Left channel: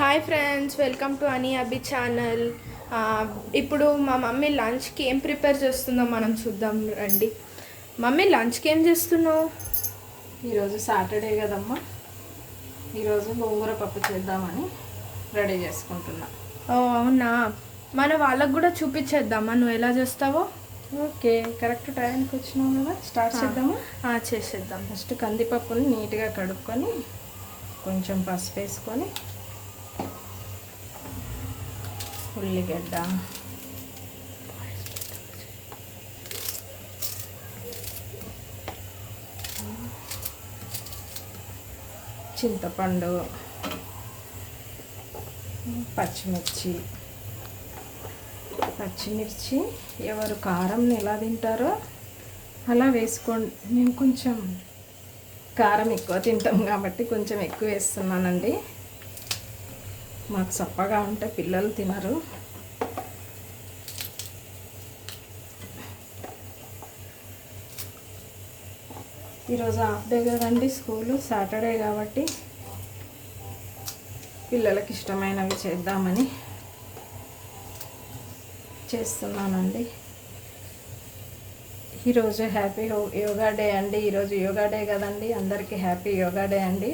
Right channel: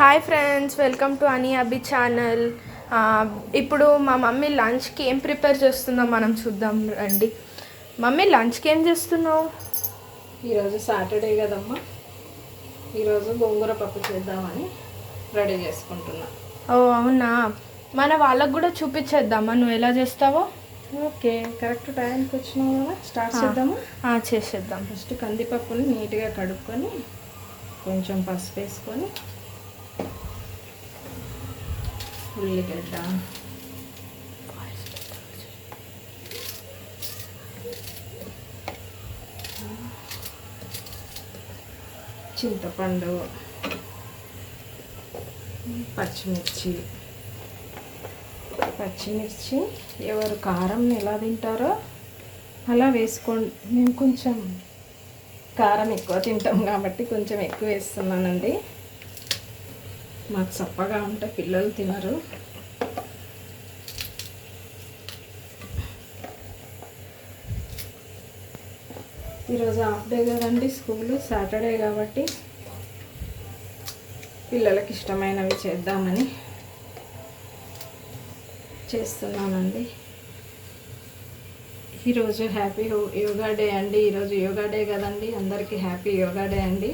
Hi friends, welcome to అని అబ్బి channel. ఇప్పుడు మా మమ్మీ లంచ్కి ఏం ప్రిపేర్ చేస్తుందో మనం చూద్దాం రండి. మమ్మీ లంచ్కి ఏం చేస్తున్నావు? ఈరోజు సాటర్డే కదమ్మా, ఈరోజు గోంగూర పప్పు చేద్దామని రెడీ చేసుకుంటున్నా. ఓ అవునా, మన వాళ్ళకు కూడా చూపించేద్దామా నువ్వు ఎలా చేస్తావో? ఓకే, కరెక్ట్ టైంకి వచ్చినావు కదా, స్టార్ట్ చేద్దాము. చేసేద్దాం. ఫస్ట్ కందిపప్పుని నీట్గా కడుక్కొని కొంచెం పసుపు వేసుకొని ఉల్లిగడ్డ, చింతపండు, పచ్చిమిర్చి ఎవరు కారం ఎలా తింటారో అలా వేసుకోండి. మేము కొంచెం కారం ఎక్కువ తింటాం కాబట్టి కొంచెం ఎక్కువ వేస్తున్నానండి. మాకు చప్పగా ఉంటే పిల్లలు తినరు. ఈరోజు హాఫ్ డే కదండి స్కూలు, సాటర్డే కాబట్టి పిల్లలకి ఇష్టమైనవి చేద్దామని చేస్తున్నానండి. ఈరోజు హ్యాపీ యోగా డే అండి. ఈరోజు యోగా డే కదండి, అందరికీ హ్యాపీ యోగా డే అండి.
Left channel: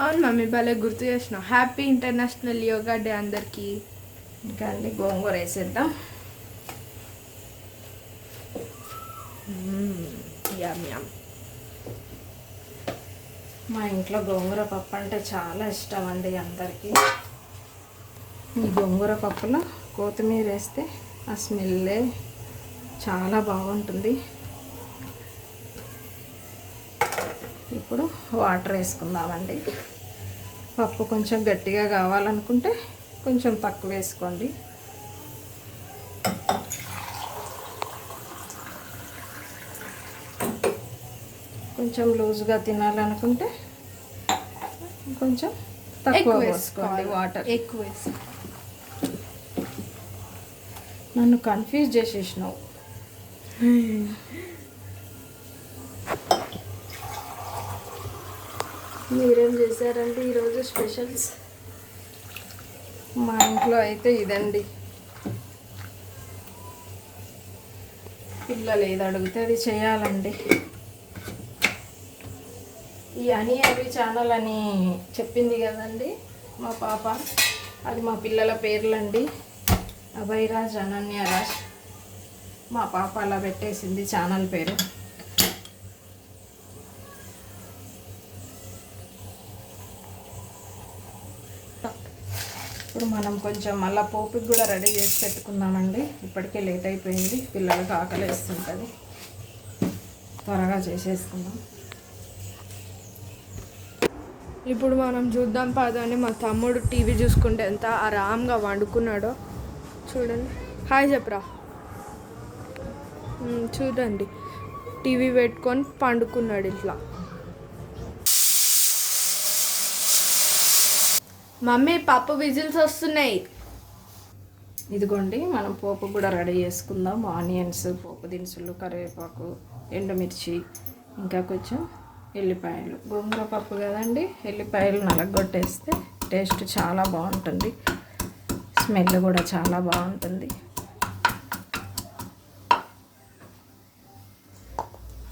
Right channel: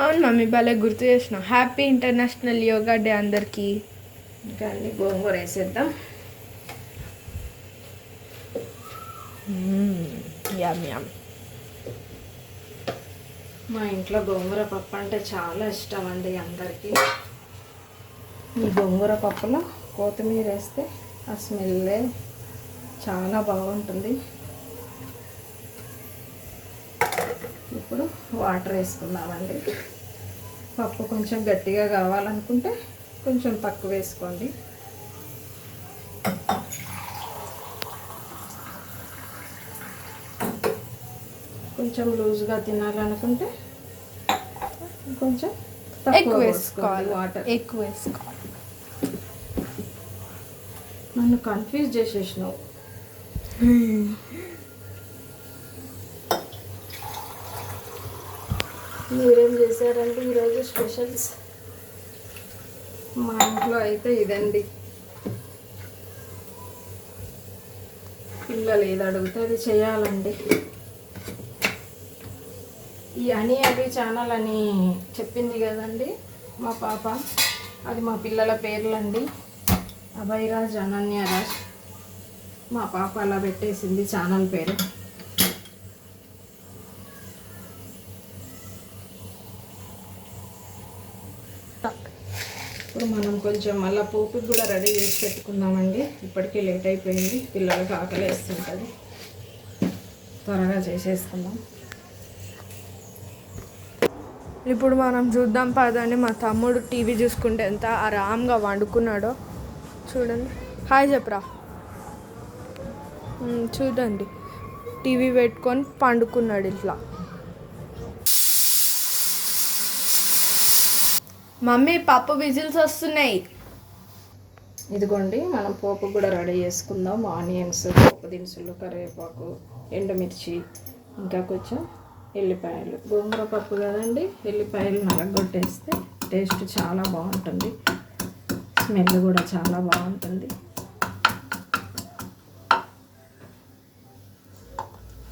అవును మమ్మీ, భలే గుర్తు చేసినావు. హ్యాపీ ఇంటర్నేషనల్ యోగా డే అందరికీ. ఇంకా అండి గోంగూర వేసేద్దాం. యమ్ యమ్. మా ఇంట్లో గోంగూర పప్పు అంటే చాలా ఇష్టం అండి అందరికీ. ఈ గోంగూర పప్పులో కొత్తిమీర వేస్తే ఆ స్మెల్లే చాలా బాగుంటుంది. ఇప్పుడు వాటర్ వేసుకుందామండి. పప్పు కొంచెం గట్టిగా కావాలనుకుంటే కొంచెం తక్కువ వేసుకోండి. కొంచెం లూజ్గా తినాలనుకుంటే కొంచెం తక్కువ వేసుకోవాలి వాటర్. ఎక్కువ వేసుకోవాలి. నన్ను కన్ఫ్యూజ్ చేసేసినావు. మీరేం చేశారండి ఈరోజు స్పెషల్స్? మా ఇంట్లో అయితే ఇదండి, పిల్లలు ఏది అడిగితే అది చేయాలండి. ఈ అని అవి ఛానల్ అని చెప్పింది కదండి మా పాప, అది మా పిల్లల పేర్లండి. అభయరాజ్, అనన్యరాజ్. మా పాప అలా పెట్టేసింది ఛానల్ పేరు. ఇప్పుడు మనం కొంచెం మళ్ళీ పోపుకి కూడా రెడీ చేసి పెట్టుకుందామండి. ఇప్పటికే లేట్ అయిపోయింది, పిల్లలకి ఆకలి వేస్తుంటుంది. త్వరగా చేసేసుకుందాం. ఇప్పుడు మనం చూద్దాం పదండి. మా తమ్ముడు టీవీ చూసుకుంటే ఎంత ఆరాంగా వండుకున్నాడో చూడండి. హాయ్ చెప్పరా. చూడండి, టీవీ పెట్టుకొని పండుకున్నాడు ఇట్లా. మమ్మీ పప్పు విజిల్స్ వస్తున్నాయి. ఇదిగోండి, మనం పోపు కూడా రెడీ చేసుకుందాం. ఆనియన్స్, పోపు దినుసులు, కరివేపాకు, ఎండుమిర్చి, ఇంకా కొంచెం ఎల్లిపాయలు. గోంగూర పప్పు కదండి, ఎల్లిపాయలు నలగొట్టేస్తే టేస్ట్ చాలా బాగుంటుంది, స్మెల్ కూడా చాలా బాగుంటుంది.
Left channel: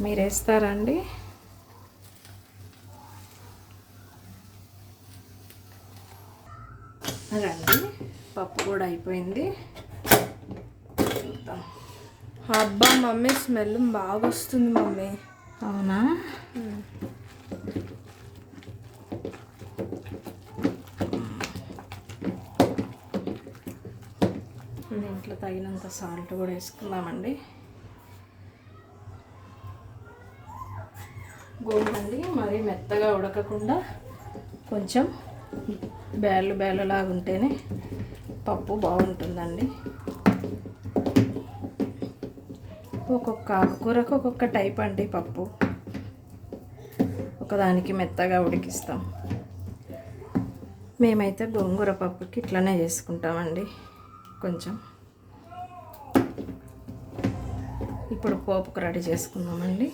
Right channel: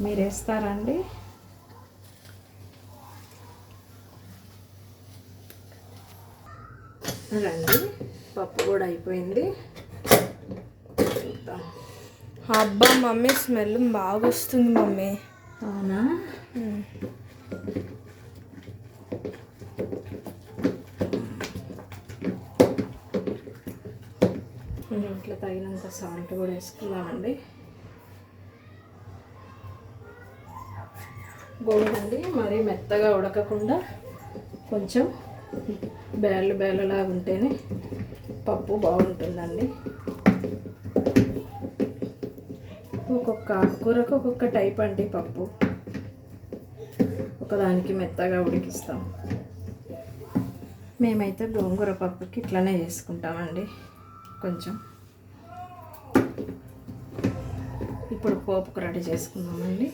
మీరు వేస్తారా అండి? రండి, పప్పు కూడా అయిపోయింది. అబ్బా మమ్మీ, స్మెల్ బాగా వస్తుంది మమ్మీ. అవునా? ఇంట్లో తగినంత సాల్ట్ కూడా వేసుకున్నామండి. గోంగూరండి మరి మెత్తగా ఉడకకుండా కొంచెం బేళ్ళలాగా ఉంటేనే పప్పు బాగుంటుందండి. ఒక్కొక్క కూరకు ఒక్కొక్క టైప్ అండి పప్పు. ఒకదానికి మెత్తగా ఉడికిస్తాం. మేమైతే గోంగూర పప్పుకి ఇట్లనే చేసుకుంటామండి. కొంచెం ఇప్పుడు పోపుకు రెడీ చేసుకుందామండి.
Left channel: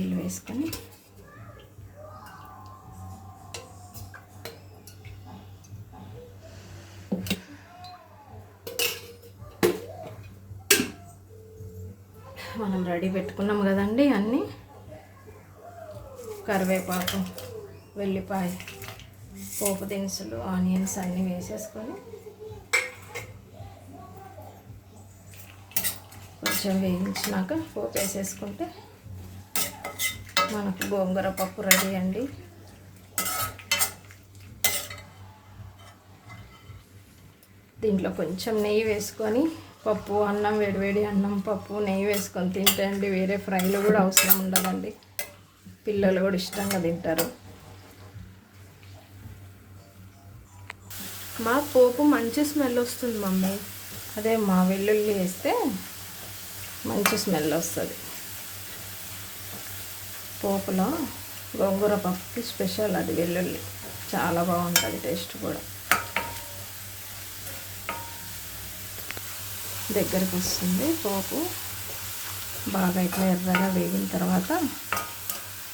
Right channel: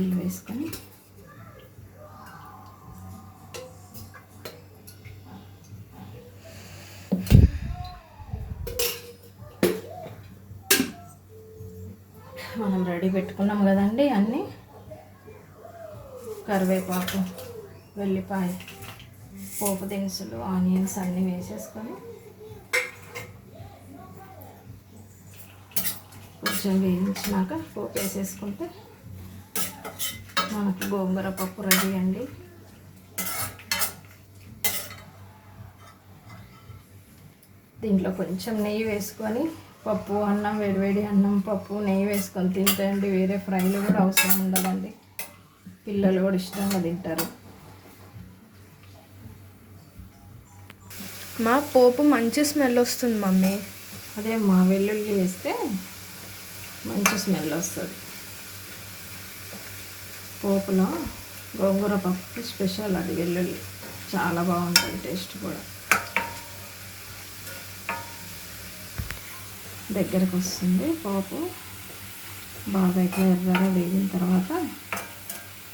ఆయిల్ వేసుకొని మనం రెడీ పెట్టుకున్నాం కదండి అన్నీ, కరివేపాకు, వెల్లిపాయ, పోపు దినుసులు, ఆనియన్స్ అన్నీ వేసేసుకొని కొంచెం వేయించినాక పోపు వేసేసుకుంటే మనకు గోంగూర పప్పు రెడీ అండి. దీంట్లో కొంచెం నెయ్యి వేసుకొని పప్పు అన్నం, వేడివేడి అన్నం, పప్పు, నెయ్యి వేసుకొని తింటే అండి వేరే ఫ్రైలు కూడా అవసరం ఉండదండి. పిల్లలు కూడా ఇష్టంగా తింటారు. మా పోపు మంచి స్మెల్ వస్తుంది మమ్మీ. అదే మా వెల్లుల్లి వేస్తే మంచి స్మెల్ వస్తుంది. పోపులో గోంగూర పప్పు స్పెషల్ అది వెల్లుల్లి, చాలా బాగుంటుంది టేస్ట్ కూడా. దగ్గరకు వస్తుంది పోపు బాగా ఇట్లా ఎర్రగా వేగిన తర్వాత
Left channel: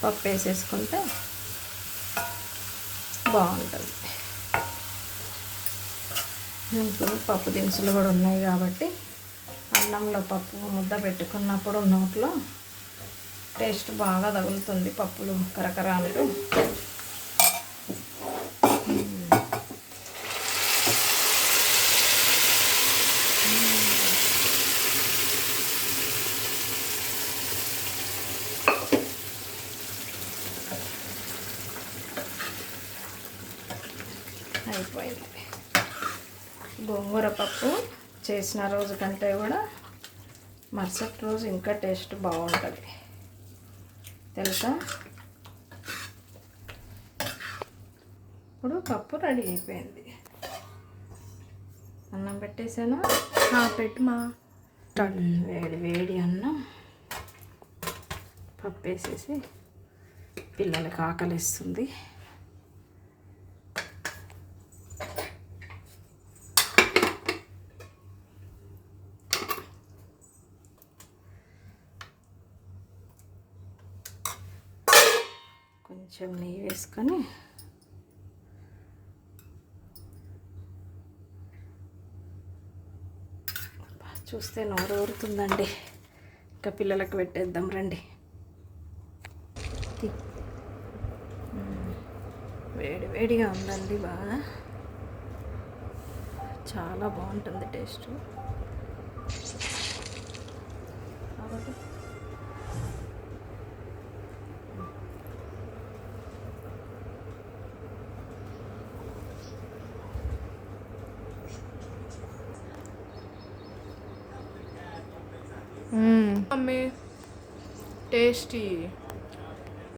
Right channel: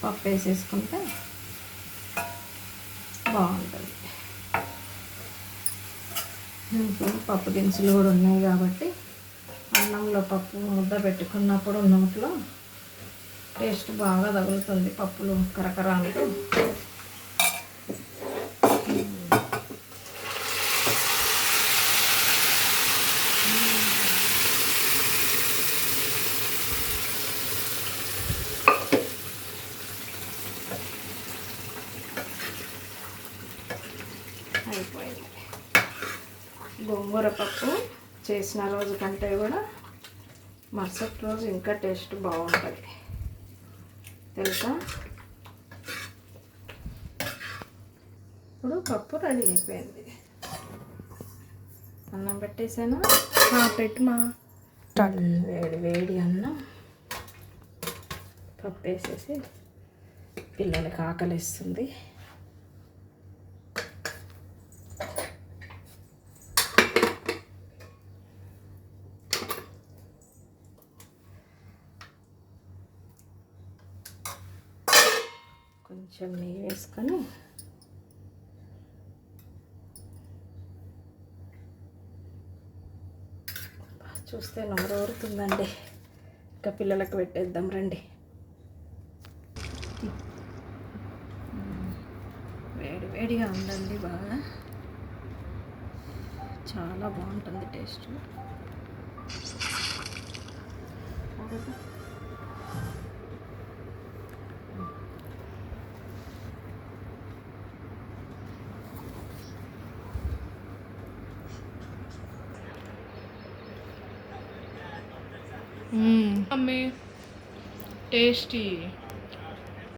పప్పు వేసేసుకుంటే బాగుంటుంది. ఇంకో పప్పు దినుసులు కూడా ఉన్నాయి కాబట్టి అన్నంలో పప్పు ముద్ద పెట్టుకున్నప్పుడు నోట్లో టేస్ట్ బాగా తగులుతుంది. పప్పులు కరకర అంటూ అయిపోయింది. గోంగూర పప్పు చేసిన రోజు కంటే కూడా మరుసటి రోజు ఇంకా టేస్ట్ బాగుంటుంది తెలుసా. ఇప్పుడు పప్పు రెడీ అయిపోయింది. అన్నం పెట్టేసాను, పెట్టుమా. వేడి వేడి అన్నం పప్పు వేసేసి పిల్లలకి ఆకలిస్తుంది. కొంచెం నెయ్యి వేసుకొని చూస్తే నోరు ఊరుతుందండి. ఇంకా పిల్లలకు పెట్టేద్దాం రండి. వేడి వేడిగా ఉందండి, బాగా చాలా బాగుంటుంది టేస్ట్. Mummy tasty.